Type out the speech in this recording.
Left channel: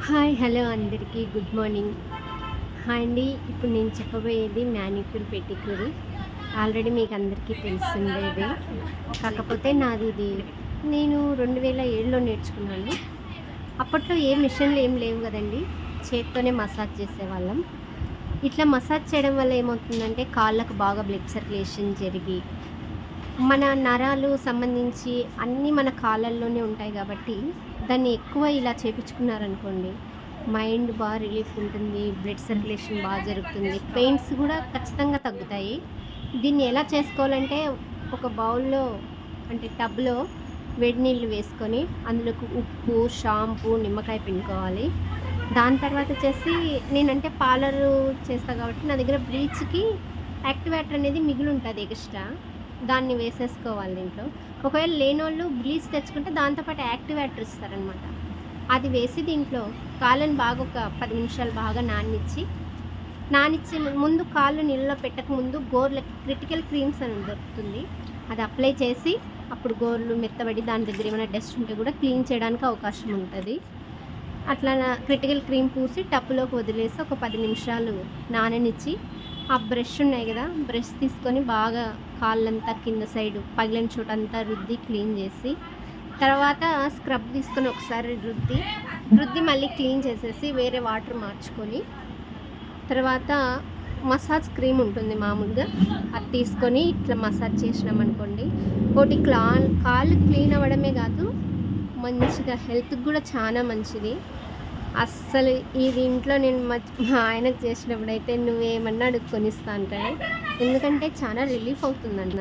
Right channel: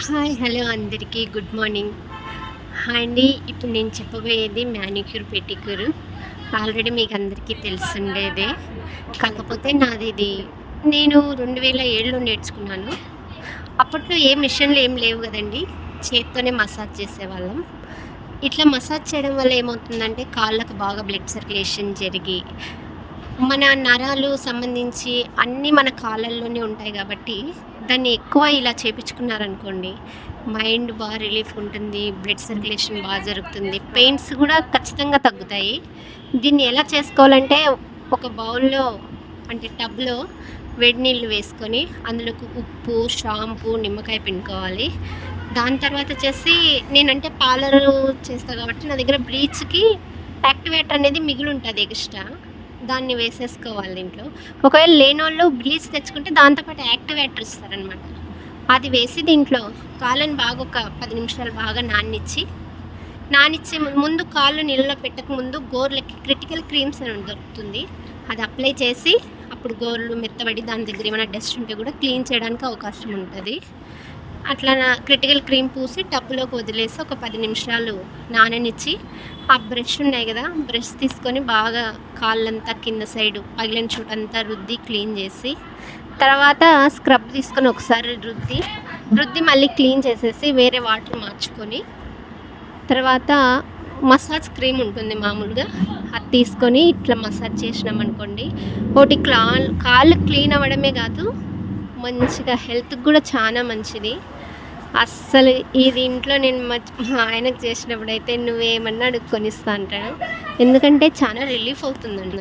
Hi hello అందరికీ good morning. Hi అండి ఇప్పుడు నేను చెప్పబోయేది మ్యానిక్యూర్ పెటిక్యూర్. ఆల్రెడీ మీకు అందరికీ తెలిసిండేదే. కాకపోతే నాది ఇది. నేను రెండు వేల ఏడులో నేర్చుకున్నాను. అప్పట్లో ఏ మిషన్లు ఏం లేవు కదండి చేత్తోనే మసాజ్ చేసేవాళ్ళం. ఇట్లా మసాజ్ చేయడం వల్ల ఏమవుతుందంటే కాళ్ళకు బాగా బ్లడ్ సర్క్యులేషన్ జరిగి మన నరాలు సంబంధించి అన్నీ మన కాళ్ళల్లోనే ఉంటాయి కాబట్టి దాన్ని ఎక్కువ ఇలా చేపించుకున్నారనుకోండి మైండ్ బాగా రిలీఫ్ ఉంటుంది బ్లడ్ సర్క్యులేషన్ బాగా జరుగుతుంది పెయిన్స్ కూడా ఖచ్చితంగా తగ్గుతాయి. దీన్ని ఎలా చేసుకోవాలంటే ఒక బౌల్లో అంటే టబ్లో వేడి నీళ్ళు వేసుకొని అందులోకి ఉప్పు షాంపూ నిమ్మకాయ పిండుకోవాలి. దాని తర్వాత వచ్చేసి నేనంటే పార్లర్ చేస్తా కాబట్టి నా దగ్గర బ్లీచ్కి యాక్టివేటర్ అనేది మిగిలి ఉంటుంది ఎక్స్ట్రా. దాన్ని వేసేసుకోవాలి దీంట్లో. ఒకవేళ లేని వాళ్ళు బ్లీచ్ తెచ్చుకుంటే దాంతోపాటు యాక్టివేటర్ ఇస్తారనమాట అది వేసి దీంట్లో కాళ్ళని బాగా ఒక పది నిమిషాలు బాగా నానిచ్చి నానిచ్చి ముందు కాళ్ళు నీళ్ళలో పెట్టక ముందు గోర్లకి క్రిటికల్ క్రీమ్స్ అని దొరుకుతుంది. అది అప్లై చేసి అప్పుడు గోర్లు మెత్తబడి దాని దగ్గర ఏమైనా డస్ట్ ఉంటే కూడా క్లీన్ చేయడానికి అవకాశం ఉంటుంది. అట్లా నా క్రిటికల్ క్రీమ్ పూసి టప్పులోకి వదిలేసి ఒక పది నిమిషాలు నాననిచ్చి ఆ బ్రష్ ఉన్నాయి కదా బ్రష్ తీసుకొని బాగా కాళ్ళంతా కింద సైడ్ పగిలిన చోటంతా రుద్ది క్లీన్ చేసి తర్వాత స్క్రబ్ తీసుకొని ఒకసారి రుద్ది రుద్ది మళ్ళీ క్లీన్ చేసేసి వేరే వాటర్ మార్చుకొని తర్వాత మసాజ్ క్రీమ్ ఉంటుంది మామూలుగా అది తీసుకొని ఇట్లా మసాజ్ చేసినాం అనుకోండి ఒకటి క్లా కాళ్ళు క్లీన్ అవ్వడమే కాదు మంచిగా హెల్త్కి కూడా చాలా మంచిది. అస్సలు ఇది ఇంట్లో నేను మా ఆయనకు చేసినప్పుడు అయితే నువ్వేమన్నా అడుక్కొని ఇస్తా అంటాడు. ఎందుకంటే చాలా రిలీఫ్ అవుతుందండి